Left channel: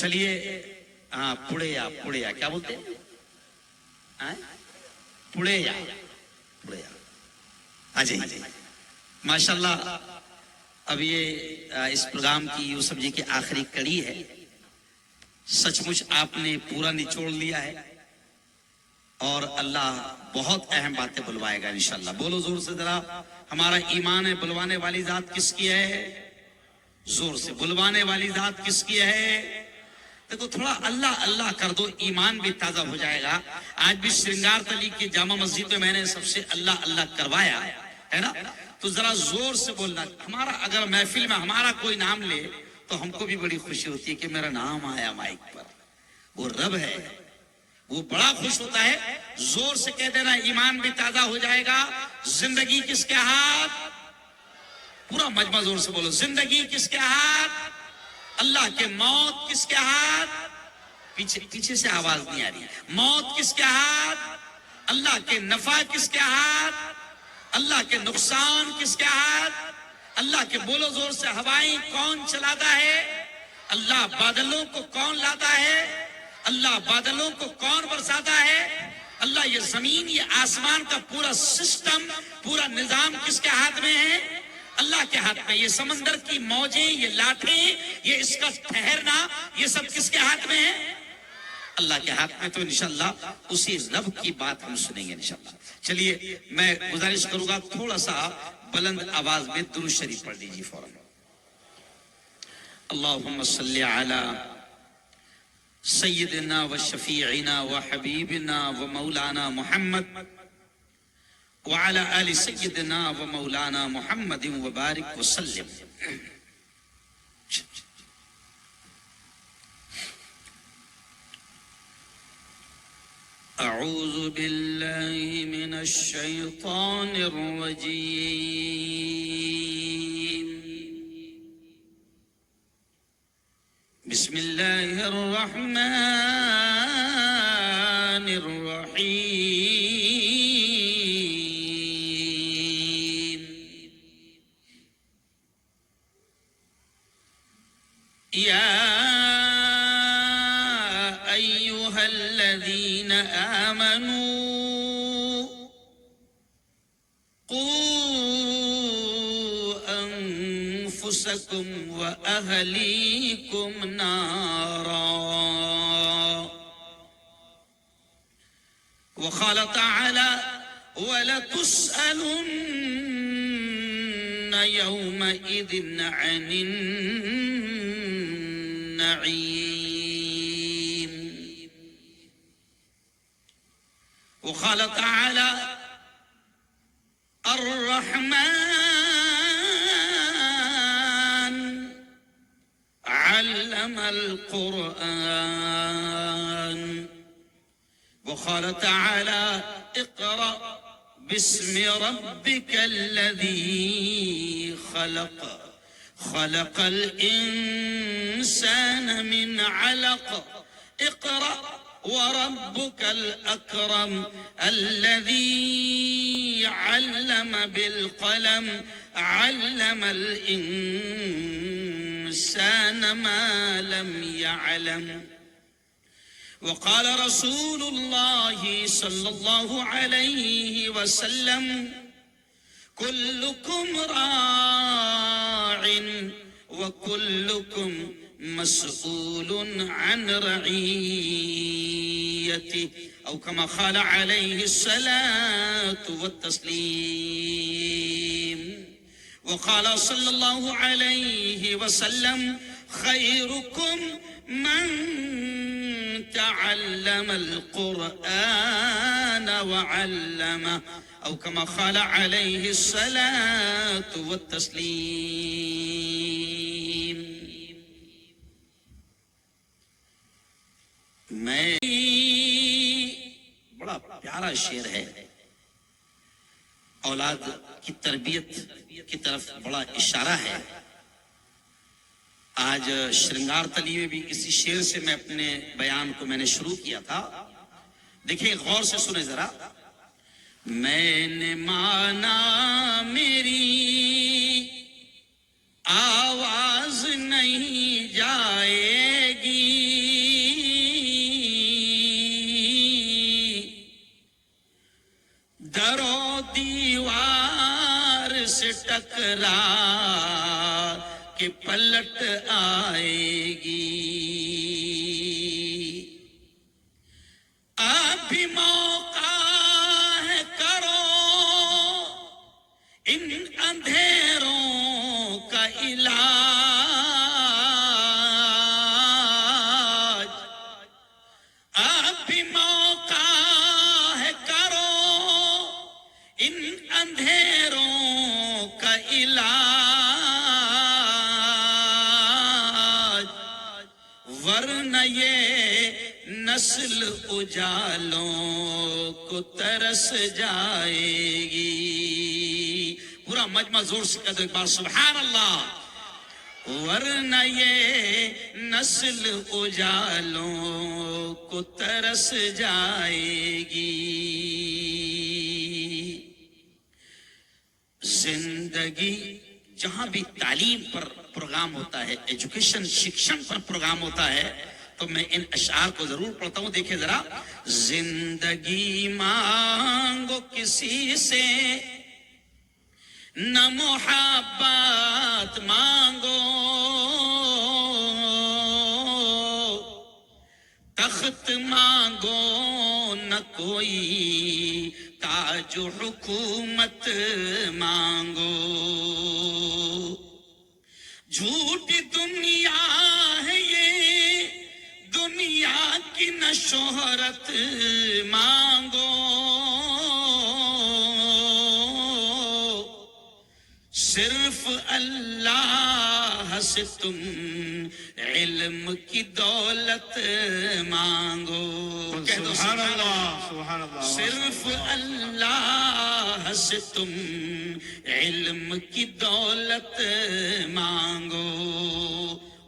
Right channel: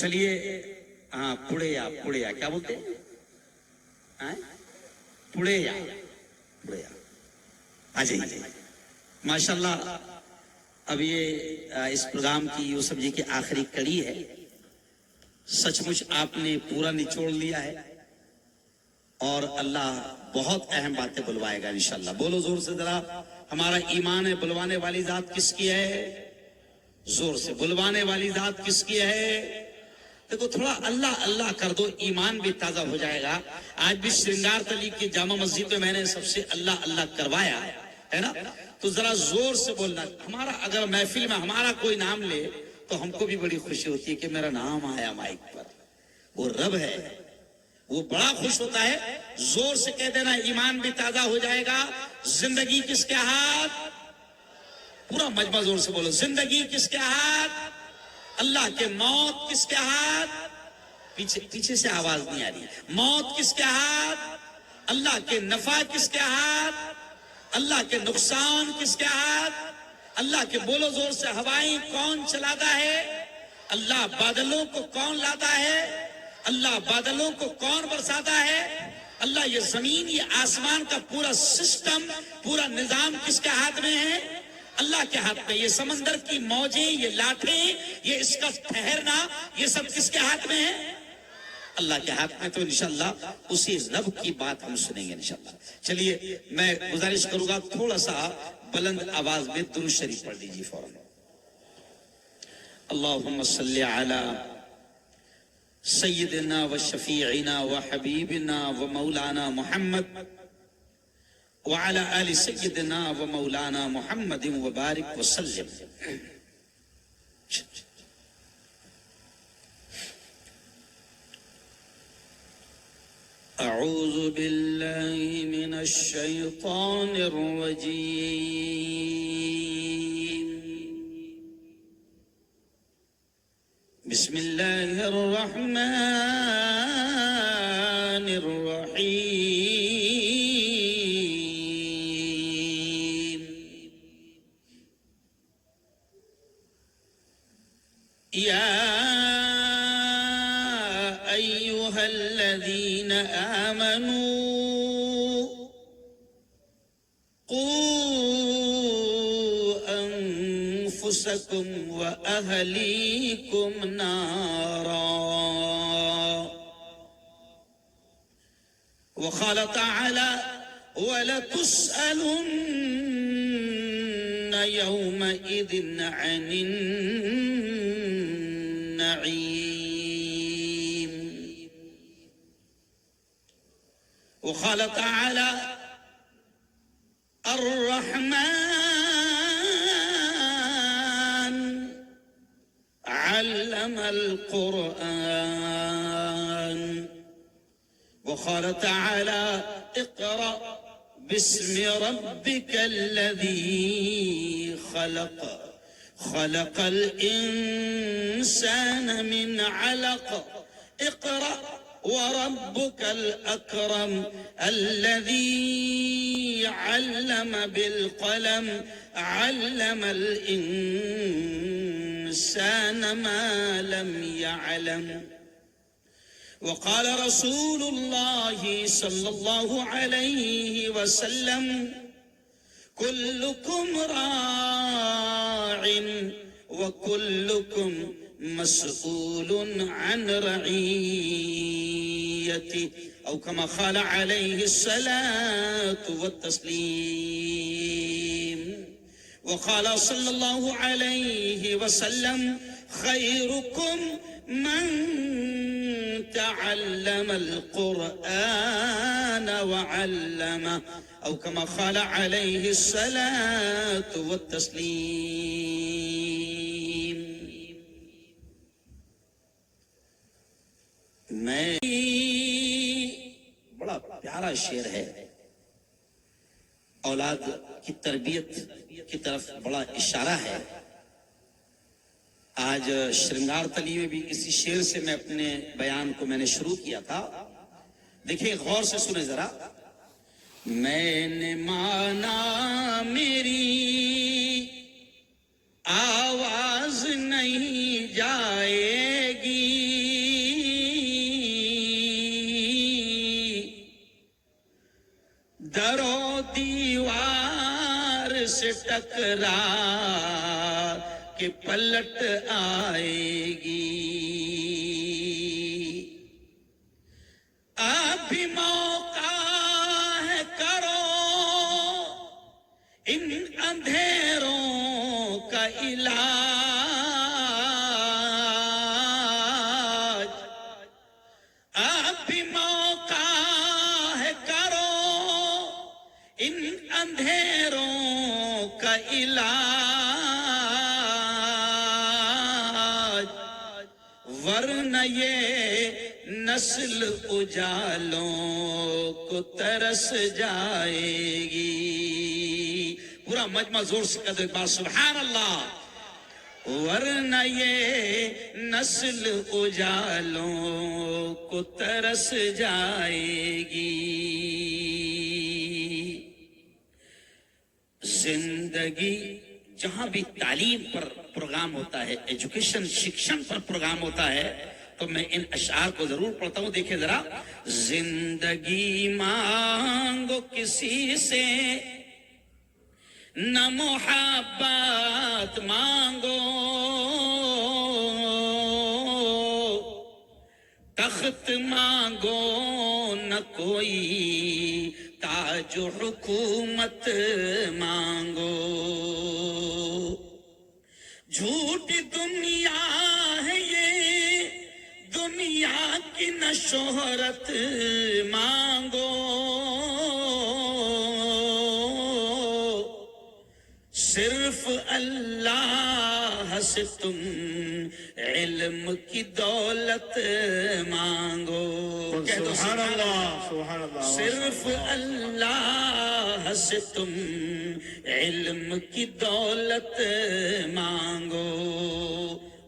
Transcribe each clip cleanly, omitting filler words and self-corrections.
چلیے ہاں پڑیا کیا بولتے ہیں ہاں؟ پڑیا جی ماشاءاللہ. اب یہ اس پروگرام کی یوسف جی کی آخری کڑی ہے. سچ مچ آپ نے پورا نچوڑ لیا ہے اور اللہ بہت اہم باتیں بلوائے گا انشاءاللہ. بولو زور سے ذرا. ہمارا ایمان ہے بلوانے والی ذات کس کی ہے؟ زور سے. بلوانے والی ذات کس کی ہے؟ دیکھو تھوڑا اللہ اللہ کر دو ایمان بھی تازہ ہو جائے گا. آج بھی سرنگار تلی کی جامع مسجد میں میں نے سب سے اللہ اللہ کروایا ہے نا, تو ذرا زور سے بولنا. ہمارا اگر محفل میں ہمارا کوئی نام لے تو ہم کو بھی بڑی خوشی ہوتی ہے کہ میرا نام آیا مائک پر. وہ رب ہے, وہ بڑا خوش ہوتا ہے. زور سے کہہ دینا ایمان بھی تازہ ہو جائے گا. زندگی کس کے ہاتھ؟ پورا مجمع زور سے بولو. زندگی کس کے ہاتھ؟ اللہ کے. موت کس کے ہاتھ؟ پیچھے سے آواز نہیں آ رہی. موت کس کے ہاتھ؟ اللہ کے. نفع کس کے ہاتھ؟ اللہ کے. نقصان کس کے ہاتھ؟ اللہ کے. بولو زور سے. ہوائیں کون چلاتا ہے؟ اللہ. بادلوں کو کون لاتا ہے؟ اللہ. بادلوں کو کون برساتا ہے؟ اللہ. یہ زمین یہ آسمان کا پورا سسٹم پورا نظام کس کے ہاتھ میں ہے؟ اللہ کے ہاتھ میں. یہ سمندر کی موجیں یہ لاٹھیں یہ اس کا ٹھہرنا یہ سب کس کے ہاتھ میں ہے؟ اللہ کے ہاتھ میں. تو انشاءاللہ اسی رب کی بات ہم سنیں گے انشاءاللہ. چلیے میں گزارش کروں گا تھوڑا سا بلند آواز میں درود شریف پڑھ دیجیے فوراً. اللہم صلی علی سیدنا و شفیعنا و حبیبنا و مولانا محمد وعلى آل سيدنا ومولانا محمد وبارك وسلم. أعوذ بالله من الشيطان الرجيم. بسم الله الرحمن الرحيم. يا أيها الذين آمنوا قوا أنفسكم وأهليكم نارا. وقال تعالى ولتسألن يومئذ عن النعيم. وقال تعالى الرحمن علم القرآن. وقال تعالى اقرأ باسم ربك الذي خلق خلق الإنسان من علق. اقرأ وربك الأكرم الذي علم بالقلم علم الإنسان ما لم يعلم. وقال رسول الله صلى الله عليه وسلم كلكم راع وكلكم مسؤول عن رعيته أو كما قال عليه الصلاة والتسليم. وقال صلى الله عليه وسلم خيركم من تعلم القرآن وعلمه أو كما قال عليه الصلاة والتسليم. میں بڑا پیارا شعر ہے. اولاد کی تربیت کی طرف بڑا اشارہ ہے. آج شرنگار تلی میں بھی اسی شعر سے میں اپنے بیان کو میں نے شروع کیا تھا. دیکھیں غور سے سنیں ذرا. میں نے مانا میری آواز نہیں جائے گی تکرار کے پلٹ آئے گی. اب بھی موقع ہے کرو ان اندھیروں کا علاج. اب بھی موقع ہے کرو ان اندھیروں کا علاج. ورنہ یہ نسل اجالوں کو ترس جائے گی. پورا مجمع زور سے کہہ دو ایک بار سبحان اللہ. ورنہ یہ نسل اجالوں کو ترس جائے گی. زندگی جہاں بھی تعلیم پر پروگرام ہوتا ہے، ایجوکیشن شکشن پر پروگرام ہوتا ہے، تو میں ان اشعار کو ضرور پڑھتا ہوں. دیکھیں ذرا. زندگی مانگو کسی سے نہ محبت مانگو، تخت مانگو نہ کوئی تاج و حکومت مانگو. جھوٹی دنیا ہے یہ، دنیا کی نہ شہرت مانگو. صرف اللہ سے تم علم کی دولت مانگو. سبحان اللہ سبحان اللہ. صرف اللہ سے تم علم کی دولت مانگو.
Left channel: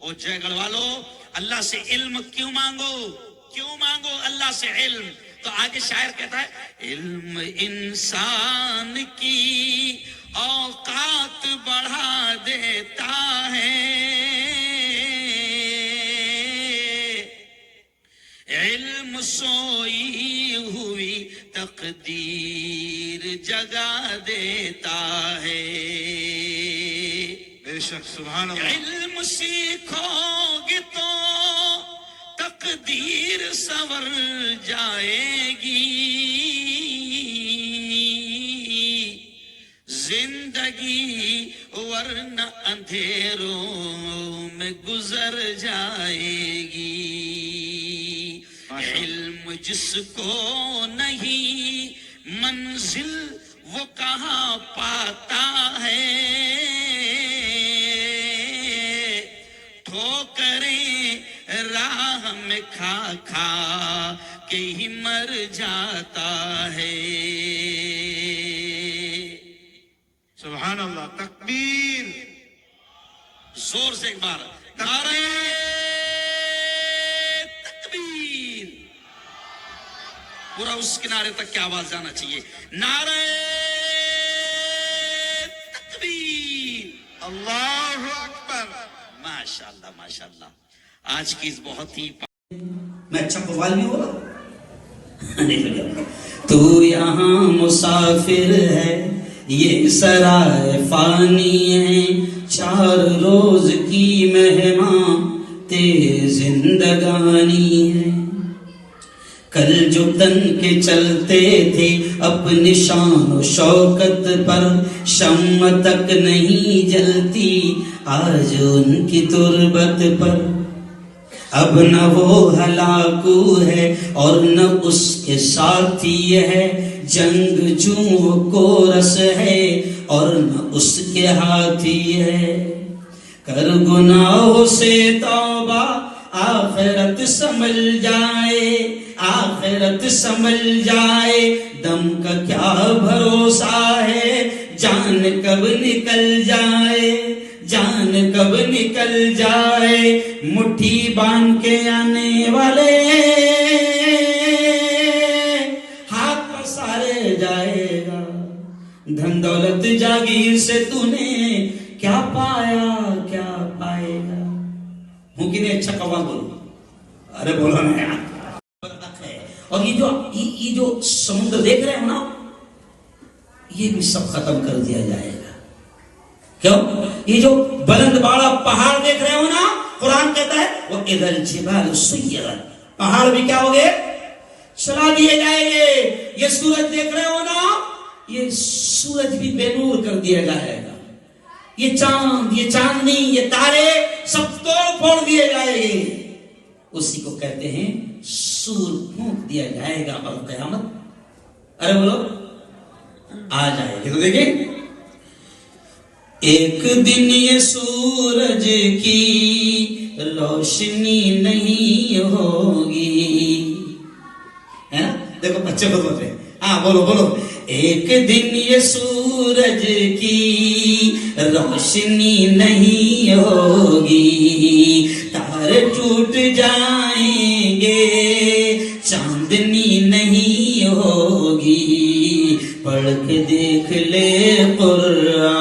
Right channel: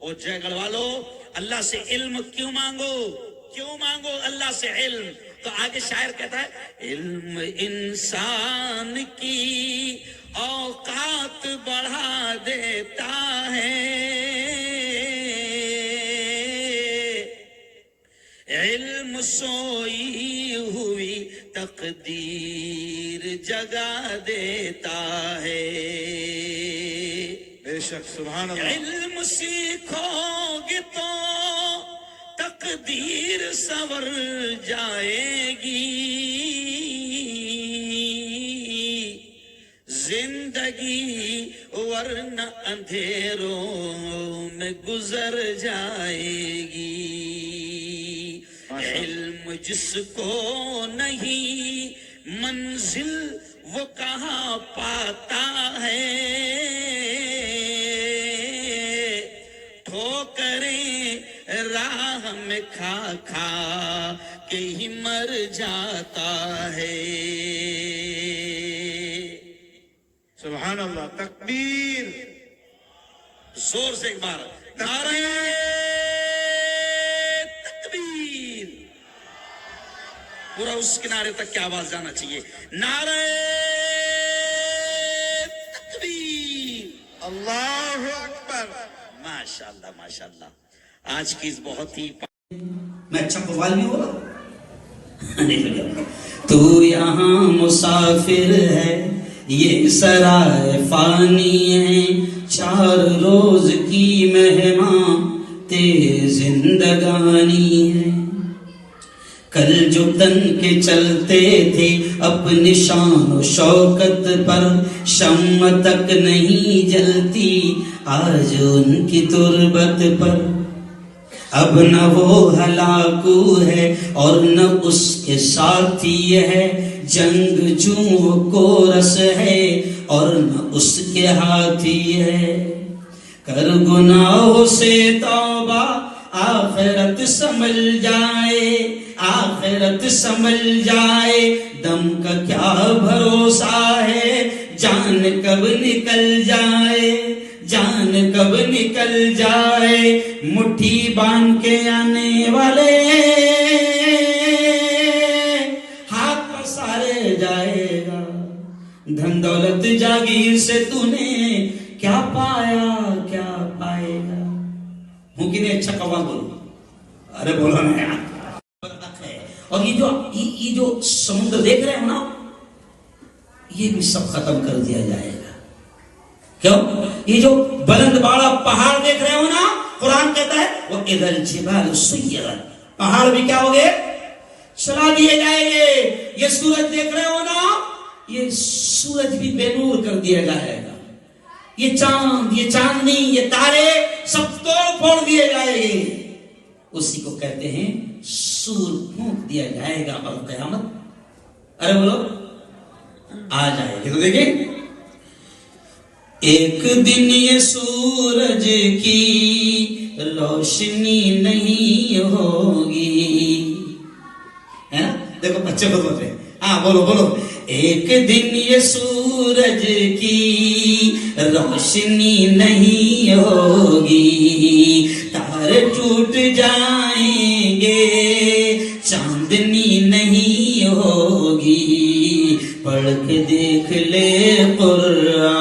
او جے گڑھ والو، اللہ سے علم کیوں مانگو؟ کیوں مانگو اللہ سے علم؟ تو آگے شاعر کہتا ہے علم انسان کی اوقات بڑھا دیتا ہے، علم سوئی ہوئی تقدیر جگا دیتا ہے. بے شک سبحان اللہ. علم سیکھو گے تو تقدیر سنور جائے گی. زندگی ورنہ اندھیروں میں گزر جائے گی. علم جس کو نہیں منزل وہ کہاں پاتا ہے، ٹھوکریں راہ میں کھا کھا کے ہی مر جاتا ہے. سبحان اللہ. تکبیر. زور سے ایک بار نعرہ تکبیر. پورا اس کنارے تک کی آواز جانا چاہیے. نعرہ تکبیر. اللہ اکبر. ماشاءاللہ ماشاءاللہ. آج کی اس بہت ہی میں اچھا قوال نہیں ہو رہا. تو یہاں مسافر ہے، یہ سرائے فانی ہے، 4 روز کی مہمان تیری زندگانی ہے. کل جو تن کے چلتے تھے اپنی شان و شوکت پر، شمع تک نہیں جلتی آج ان کی تربت پر. اب نہ وہ ہلاکو ہے اور نہ اس کے ساتھی ہے، جنگ جوں وہ کورس ہے اور نہ اس کے ہاتھی ہے. کر گناہوں سے توبہ آخرت سنبھل جائے، آخرت سنبھل جائے. دم کا کیا بھروسہ ہے، جان کب نکل جائے، جان کب نکل جائے. مٹھی باندھ کے آنے والے ہاتھ پسارے جائے گا. دھن دولت جاگیر سے تو نے کیا پایا کیا پائے گا. ممکن ہے اچھا قوال بولو. ارے بولو نا یار. اور یہ جو سمندر دیکھ رہے ہو نا، یہ بھی سب ختم کر دیا جائے گا. کیوں؟ یہ جو بلند باڑا پہاڑ دیکھ رہے ہو نا، قرآن کہتا ہے وہ اذا الجبال سیرت، پہاڑ بھی کیا ہو گئے؟ چلا دیے جائیں گے. یہ سورج دیکھ رہے ہو نا، یہ سورج بھی بے نور کر دیا جائے گا. یہ چاند، یہ چاندنی، یہ تارے سب توڑ پھوڑ دیے جائیں گے. اسی کو کہتے ہیں سور پھونک دیا جائے گا اور قیامت ارے بولو آ جائے گی. تو دیکھیں ایک دن یہ سورج کی روشنی نہیں ہوگی، ہے نا؟ دیکھو بچے کو بولتے ہیں، ہاں بولو بولو. ایک دن یہ سورج کی روشنی نہیں ہوگی، تارے ٹوٹ جائیں گے، چاندنی نہیں ہوگی. پڑھ کے دیکھ لے قرآن،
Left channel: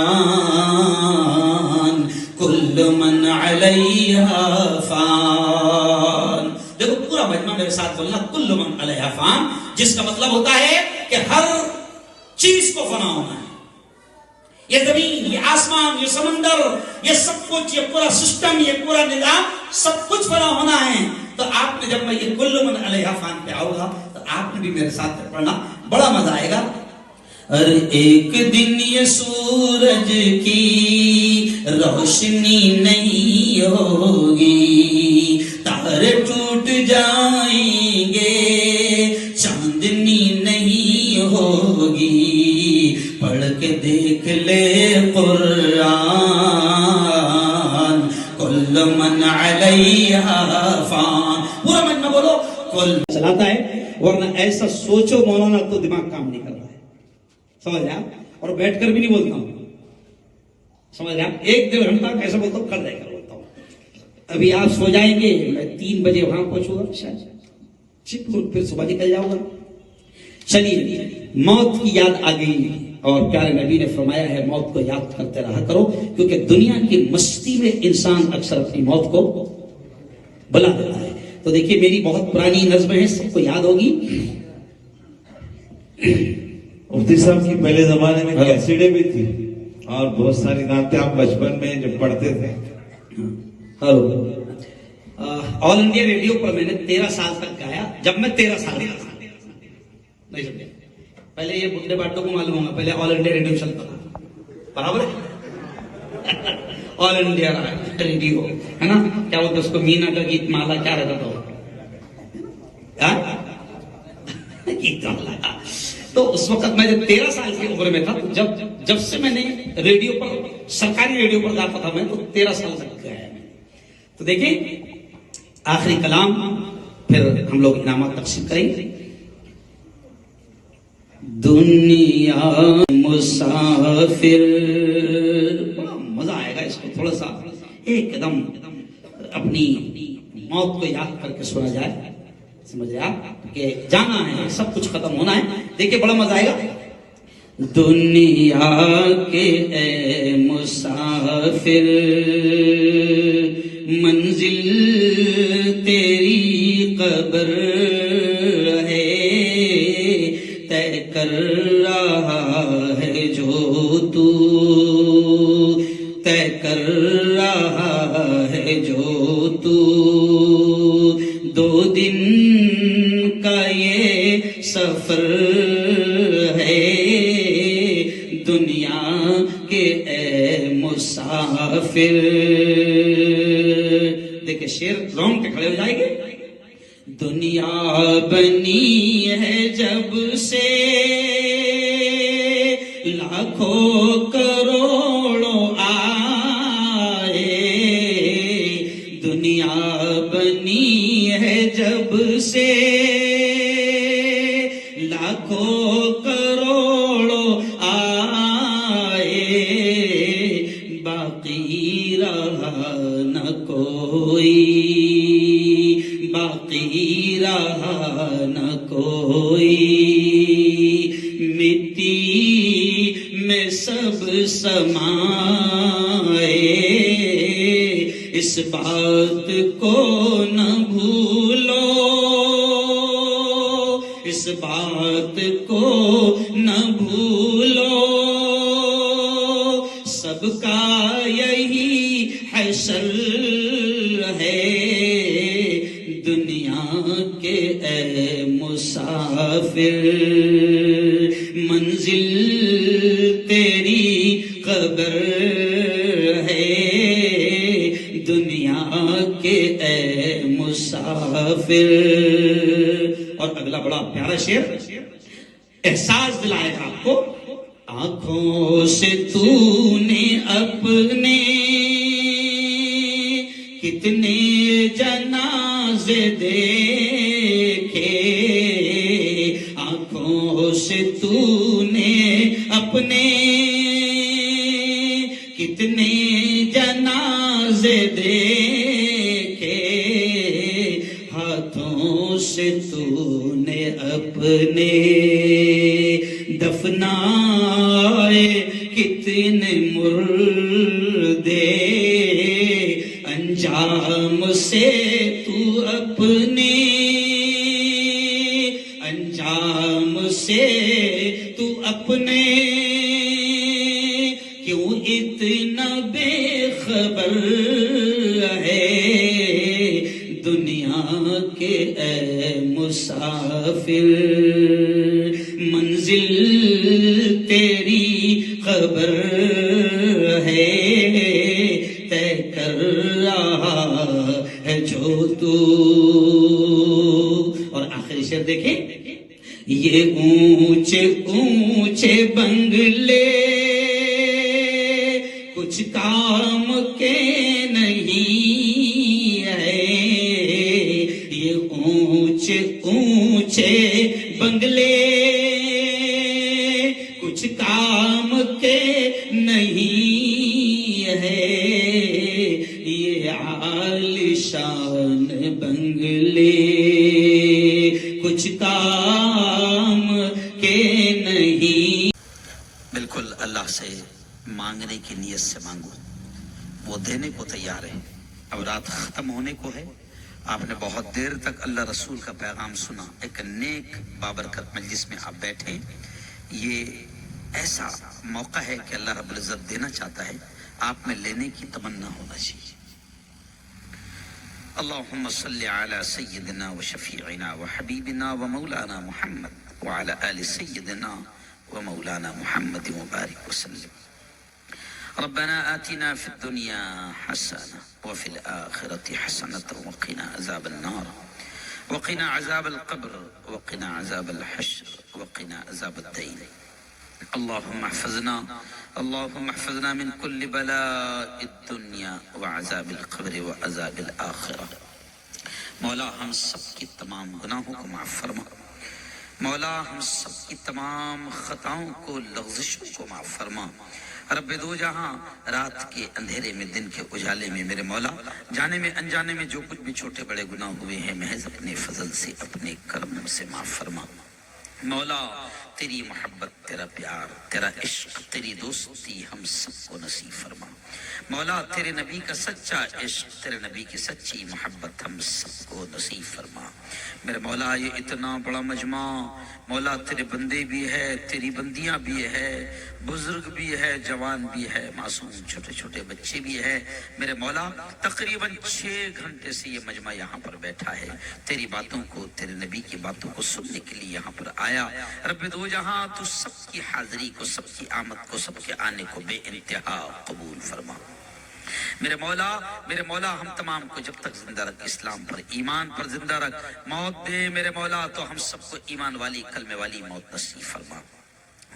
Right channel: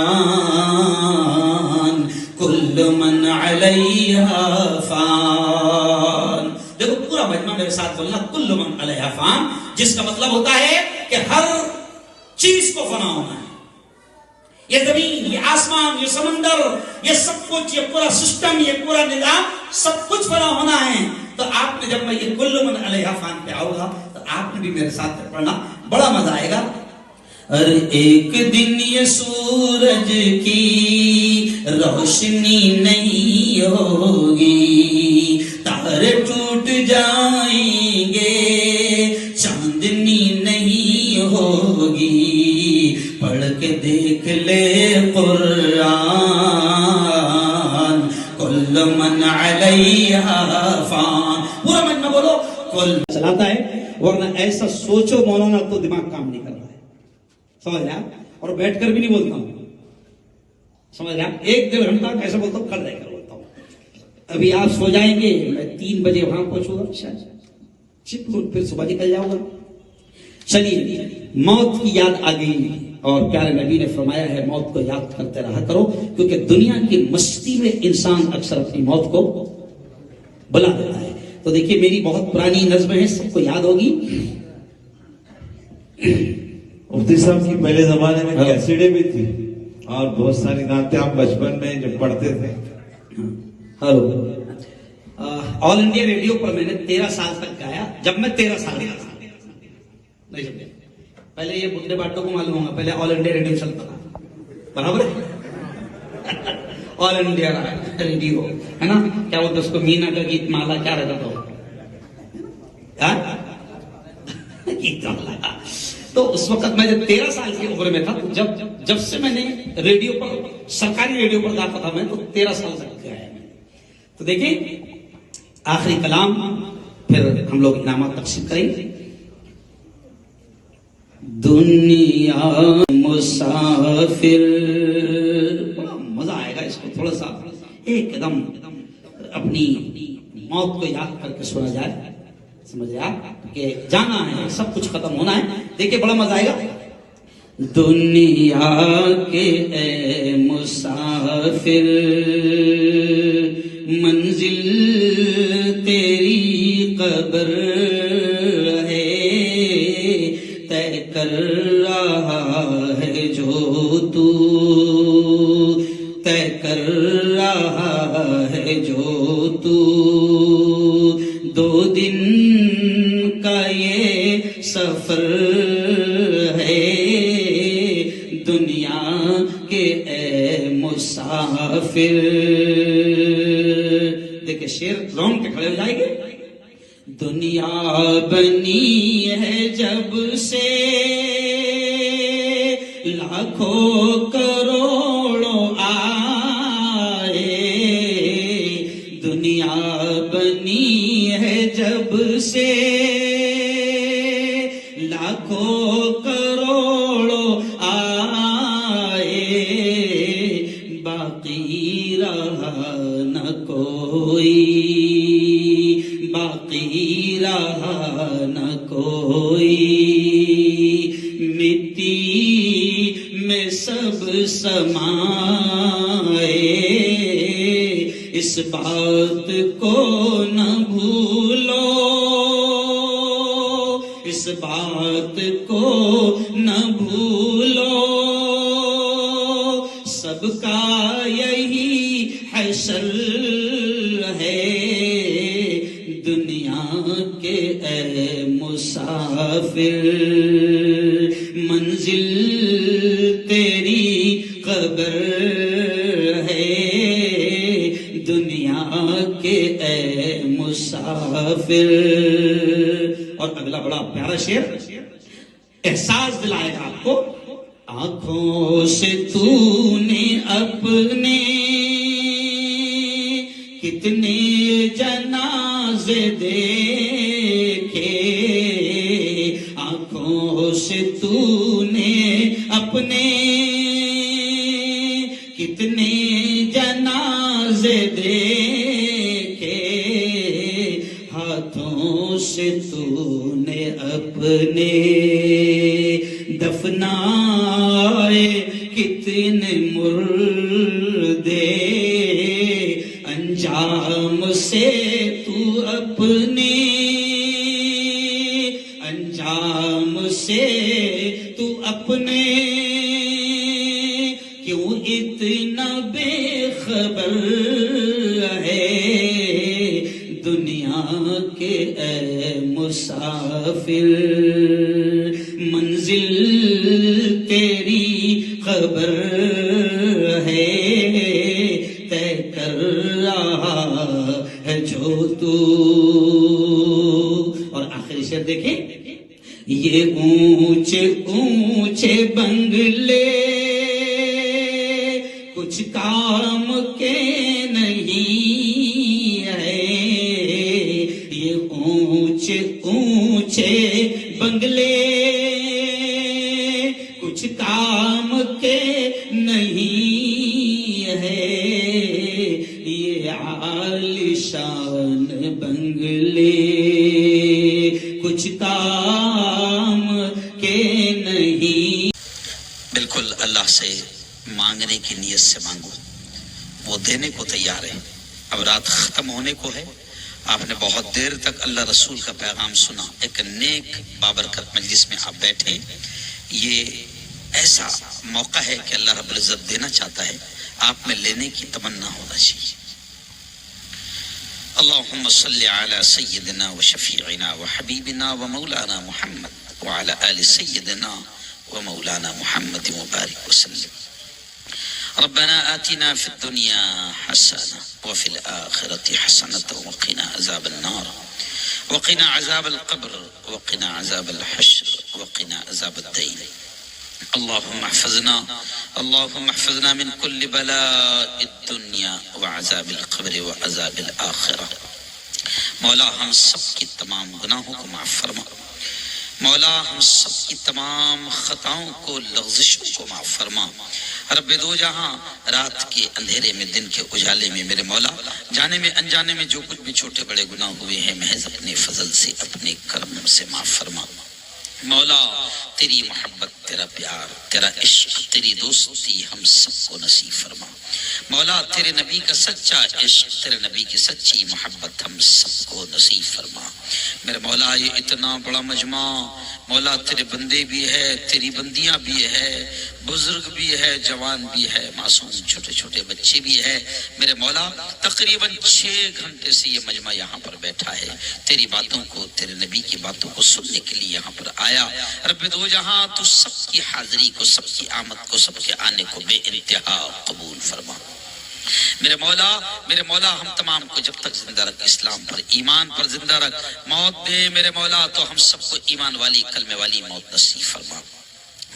کل من علیہا فان. دیکھو پورا مجمع میرے ساتھ بولنا، کل من علیہا فان، جس کا مطلب ہوتا ہے کہ ہر چیز کو فنا ہونا ہے. یہ زمین، یہ آسمان، یہ سمندر، یہ سب کچھ، یہ پورا سسٹم، یہ پورا نظام، سب کچھ فنا ہونا ہے. تو آپ نے جب میں یہ کل من علیہا فان پہ آؤں گا تو آپ نے بھی میرے ساتھ پڑھنا، بڑا مزہ آئے گا. ارے ایک دن یہ سورج کی روشنی نہیں ہوگی، تارے ٹوٹ جائیں گے، چاندنی نہیں ہوگی. پڑھ کے دیکھ لے قرآن، کل من علیہا فان. پورا مجمع بولو کل. چلاتا ہے، ورنہ ایسا سوچو مولانا تو دماغ کام نہیں کر رہا ہے. سمجھ رہے آپ؟ اور بیٹھ کر بھی نہیں بولتا ہوں، سمجھ رہے آپ؟ 1-1.5 گھنٹہ کیسے بولتا ہوں، کل رہ کر بولتا ہوں. ابھی آپ سو جائیں گے، میں 3 بجے وہاں پہنچوں گا شاید، پھر صبح نکل جاؤں گا. چلیے، موت کی یاد آ گئی اور پیارے نبی نے فرمایا ہے موت کو یاد کرتے رہا کرو، کیونکہ دنیا کی مستی میں انسان اکثر اپنی موت کو بلا دیتا ہے. تو دیکھیے میری بہت پرانی نظم ہے، سب کو یاد ہوگی. مفتی صاحب کی پہلے زمانے میں کیسیڈیں بھی تھی اور بہت ساری نعتیں آپ بچپن میں جب پڑھتے تھے. ہلو، آل انڈیا ریڈیو پر میں نے 13 سال تک گایا، جب میں 13 سال کا تھا. نہیں سمجھے؟ پہلے یہ بڈھے باٹوں کو معلوم ہوگا، پہلے آل انڈیا ریڈیو چلتا تھا، برابر؟ آل انڈیا ریڈیو ہے نا، کیا بولتے اس کو، مینا کا گیت مالا کیا رہتا تھا؟ گیت مالا. تو اس وقت میں جب 13 سال کی عمر میں تھا، جب سے میں نے ریڈیو پر، سرکاری ریڈیو پر گاتا تھا میں، تو 13 سال تک گایا میں. تو دیکھیں آخری کلام، پھر ہم لوگ انعامات تقسیم کریں گے. دنیا مسافر، بڑا مزہ آئے گا اس کو تھوڑا سا ایک دم اپنی موت کو یاد کر کے سنا جائے. سمجھے آپ کہ جانا ہے، سب کچھ ختم ہونا ہے. دیکھیں بڑا مزہ آئے گا. دنیا کے اے مسافر، منزل تیری قبر ہے، طے کر رہا ہے جو تو، طے کر رہا ہے جو تو. 2 دن کا یہ سفر ہے، دنیا کے اے مسافر. دیکھیں شیر رونگ کے کھڑے ہو جائیں گے. دنیا بنی ہے جب سے لاکھوں کروڑوں آئے، دنیا بنی ہے جب سے لاکھوں کروڑوں آئے، باقی رہا نہ کوئی، باقی رہا نہ کوئی. مٹی میں سب سمائے، اس بات کو نہ بھولو، اس بات کو نہ بھولو. سب کا کے اے مسافر منزل تیری قبر ہے، دنیا کے اے مسافر. اور اگلا بڑا پیارا شعر احساس دلائے گا آپ کو. آنکھوں سے تو نے اپنے کتنے جنازے دیکھے، آنکھوں سے تو نے اپنے کتنے جنازے دیکھے، ہاتھوں سے تو نے اپنے دفنائے کتنے مردے، انجام سے تو اپنے انجام سے تو اپنے کیوں اتنا بے خبر ہے، دنیا کے اے مسافر منزل تیری قبر ہے، طے کر رہا ہے جو تو. اور آخری شعر دیکھیں، یہ اونچے اونچے بنگلے کچھ کام کے نہیں ہے، یہ اونچے اونچے بنگلے کچھ کام کے نہیں ہے، یہ عالیشان بنگلے کچھ کام کے نہیں. بالکل اللہ سے مانگنے کی نیت سے مانگو، وہ دینے کو تیار ہے. اب رات ختم ہونے کو ہے، آپ نے بہت دیر تک اللہ رسول کا پیغام سنا. ایک نیک بابرکت مجلس میں آپ بیٹھے، یہ ایسا موقع ہے کہ اللہ رب العزت دینا چاہتا ہے، آپ میں لینے کی تمنا ہونا چاہیے. اللہم صلی علی سیدنا و شفیعنا و حبیبنا و مولانا محمد وعلی آل سیدنا و مولانا محمد مبارک وسلم. ربنا آتنا في الدنيا حسنة وفي الآخرة حسنة وقنا عذاب النار وقنا عذاب القبر وقنا عذاب الحشر وقنا عذاب الدين. اللهم احفظنا من كل بلاء الدنيا وعذاب القبر وعذاب الآخرة. مولا ہم سب کی تمام گناہوں کو معاف فرما. مولا ہم سب کی تمام خطاؤں کو لغزشوں کو معاف فرما. رب دو جہاں رات کے اندھیرے میں دن کے اجالے میں میرے مولا جانے میں انجانے میں جو کچھ بھی چھوٹے بڑے گناہ ہوئے ہیں محض اپنے فضل سے اپنے کرم سے معاف فرما. مولا تیری محبت، تیرا پیار، تیرا عشق، تیری دوستی ہم سب کو نصیب فرما. مولا تیرے نبی کا سچا عشق، تیرے نبی کی سچی محبت ہم سب کو نصیب فرما. میرے مولا یہ اتنا بڑا مجمع، مولا تیرے بندے بھی ہے، تیری بندیاں بھی ہے، بزرگ بھی ہے، جوان بھی ہے، معصوم چھوٹے چھوٹے بچے بھی ہے. میرے مولا تقریباً 6 گھنٹے سے یہ مجمع یہاں پر بیٹھا ہے، تیری باتوں کو، تیرے نبی کی باتوں کو سننے کے لیے یہاں پر آیا. رب دو جہاں تو سب کی حاضری کو، سب کی آمد کو، سب کے آنے کو بے انتہا قبول فرما. میرے مولا ہم تمام کو جب تک زندہ رکھ، اسلام پر ایمان پر زندہ رکھ. موت دے میرے مولا تو ہم سب کو ایمان والی کلمے والی موت نصیب فرما.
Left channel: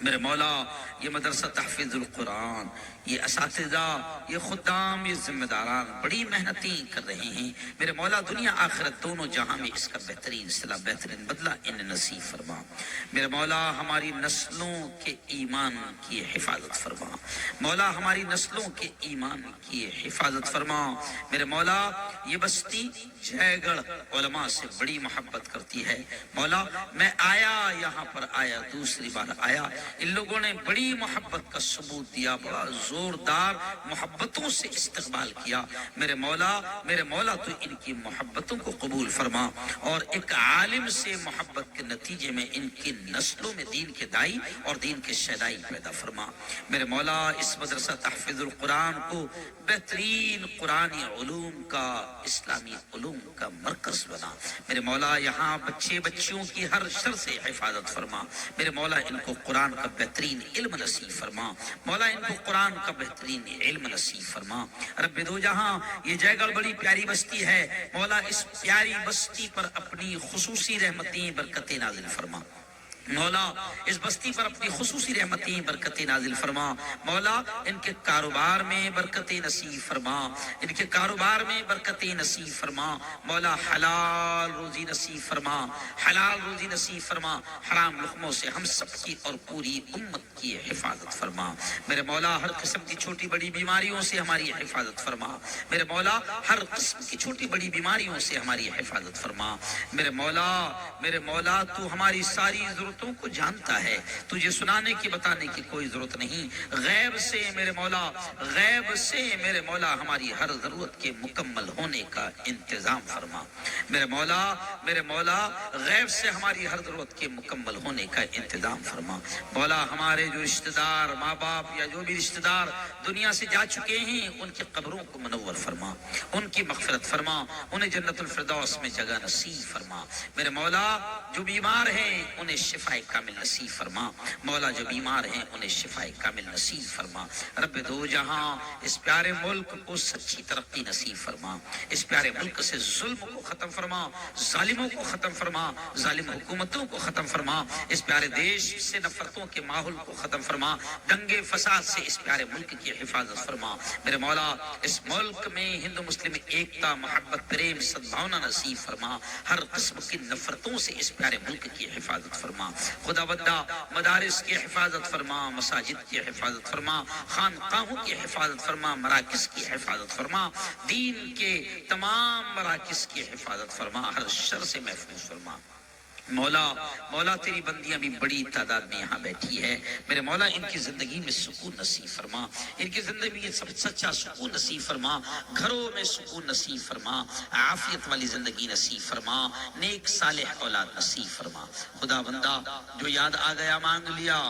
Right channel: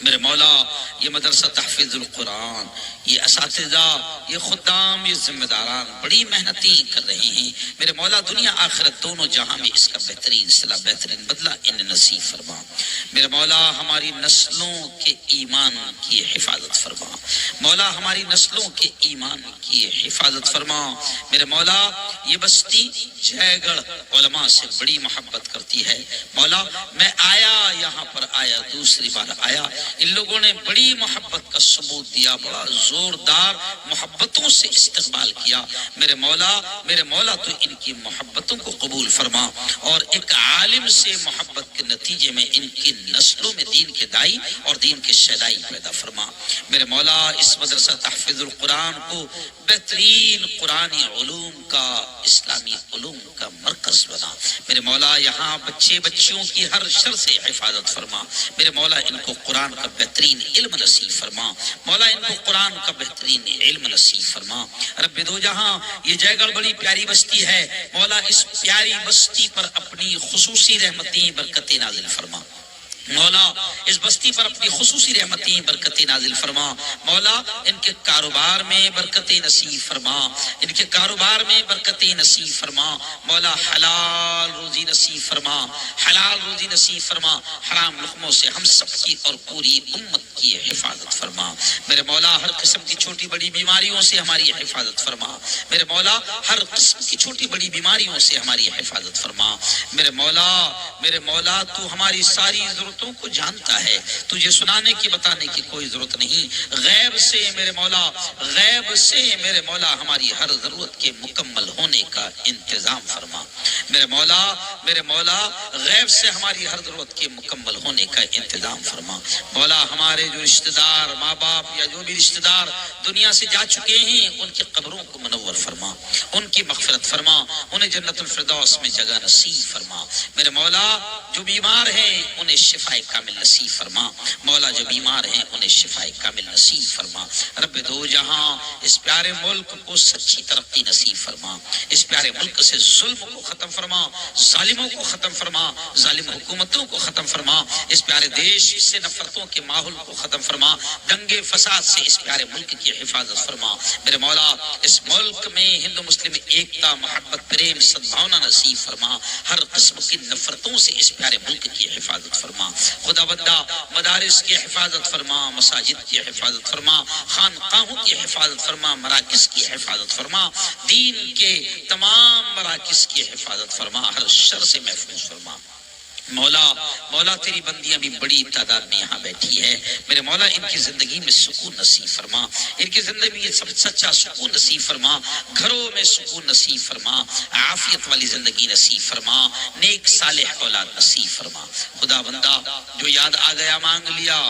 میرے مولا یہ مدرسہ تحفیظ القرآن، یہ اساتذہ، یہ خدام، یہ ذمہ داران بڑی محنتیں کر رہے ہیں. میرے مولا دنیا آخرت دونوں جہاں میں اس کا بہترین صلہ، بہترین بدلہ انہیں نصیب فرما. میرے مولا ہماری نسلوں کے ایمان کی حفاظت فرما. مولا ہماری نسلوں کے ایمان کی حفاظت فرما. میرے مولا یہ بستی جے گڑھ علماء سے بڑی محبت کرتی ہے. مولا میں آیا، یہاں پر آیا، دوسری بار آیا، ان لوگوں نے بڑی محبت کا ثبوت دیا، بڑا زوردار محبتوں سے استقبال کیا. میرے مولا تو ان کی محبتوں کو قبول فرما، اور ایک عالم سے محبت کے نتیجے میں ان کی نسلوں میں دین کے دائی اور دین کے شہدائی پیدا فرما. میرے مولا اس مدرسہ تحفیظ القرآن کو بہترین قرآنی علوم کا، اسلامی علوم کا مرکز بنا۔ میرے مولا یہاں بچے بچیوں کی ہر شر سے حفاظت فرما۔ میرے مولا ان کو قرآن کا بہترین علم نصیب فرما۔ مولا ان کو قرآن کا بہترین علم نصیب فرما۔ رب دو جہاں یہ جے گڑھ بڑی پیاری بستی ہے، مولا اس پیاری بستی پر اپنی خصوصی رحمتیں برکتیں نازل فرما۔ مولا اس بستی پر اپنی خصوصی رحمتیں برکتیں نازل فرما۔ مولا ان کے کاروبار میں برکتیں نصیب فرما، ان کے کاروبار میں برکتیں نصیب فرما۔ مولا حلال روزی نصیب فرما، حلال روزی نصیب فرما۔ حرام لقموں سے ہم سب کی اور پوری امت کی حفاظت فرما۔ میرے مولا ہر قسم کی چھوٹی بڑی بیماریوں سے ہماری حفاظت فرما۔ میرے مولا ہر قسم کی چھوٹی بڑی بیماریوں سے ہماری حفاظت فرما۔ میرے مولا تو ہماری ساری ضرورتوں کو جانتا ہے، تجھے سنانے کی بتانے کی کوئی ضرورت نہیں۔ غیب سے میرے مولا ہماری ہر ضرورت کے مکمل ہونے کا انتظام فرما۔ میرے مولا غیب سے ہماری ہر ضرورت کے مکمل ہونے کا انتظام فرما۔ مولا ہمارے جو رشتہ دار ماں باپ یا جو بھی رشتہ دار دنیا سے جا چکے ہیں، ان کی قبروں کو منور فرما، ان کی مغفرت فرما، انہیں جنت الفردوس میں جگہ نصیب فرما۔ میرے مولا جو بیمار ہیں انہیں شفا کامل نصیب فرما۔ مولا جو بیمار ہیں انہیں شفا کامل نصیب فرما۔ رب دو جہاں اس پیارے ملک کو سچی ترقی نصیب فرما۔ اس پیارے ملک سے ظلم کو ختم فرما، ظالموں کو ختم فرما، ظالم حکومتوں کو ختم فرما۔ اس پیارے دیش سے نفرتوں کے ماحول کو ختم فرما، دنگے فساد سے اس پیارے ملک کی حفاظت فرما۔ میرے مولا اس ملک میں ہندو مسلم ایکتا، محبت، پریم، سدبھاونا نصیب فرما۔ ہر قسم کی نفرتوں سے اس پیارے ملک کی حفاظت فرما۔ خدا بندہ مدارس کی حفاظت فرما، مساجد کی حفاظت فرما، خانقاہوں کی حفاظت فرما، مراکز کی حفاظت فرما، دین کے تمام مراکز کی حفاظت فرما، ہر شر سے محفوظ فرما۔ مولا تیری بندیاں بھی بڑی تعداد میں یہاں بیٹھی ہے، میرے مولا ان کی زندگی میں سکون نصیب فرما، ان کی زندگی میں سب سچا سکون نصیب فرما، گھروں میں سکون نصیب فرما، عافیت والی زندگی نصیب فرما، نیک صالح اولاد نصیب فرما۔ خدا بندہ جو یاد آ گیا مانگ لیا،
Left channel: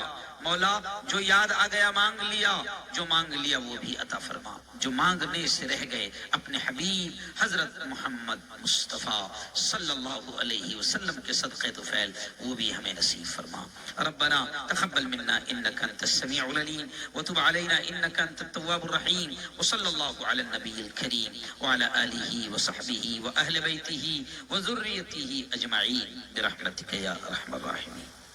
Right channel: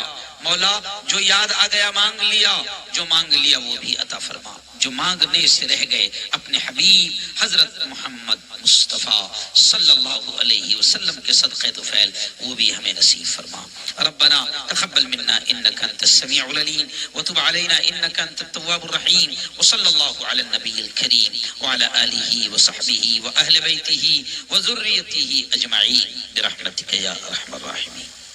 مولا جو یاد آ گیا مانگ لیا، جو مانگ لیا وہ بھی عطا فرما، جو مانگنے سے رہ گئے اپنے حبیب حضرت محمد مصطفیٰ صلی اللہ علیہ وسلم کے صدقے طفیل وہ بھی ہمیں نصیب فرما۔ ربنا تقبل منا انك انت السميع العليم وتب علينا انك انت التواب الرحيم وصلى الله على النبي الكريم وعلى آله وصحبه واهل بيته وذريته اجمعين برحمتك يا ارحم الراحمين۔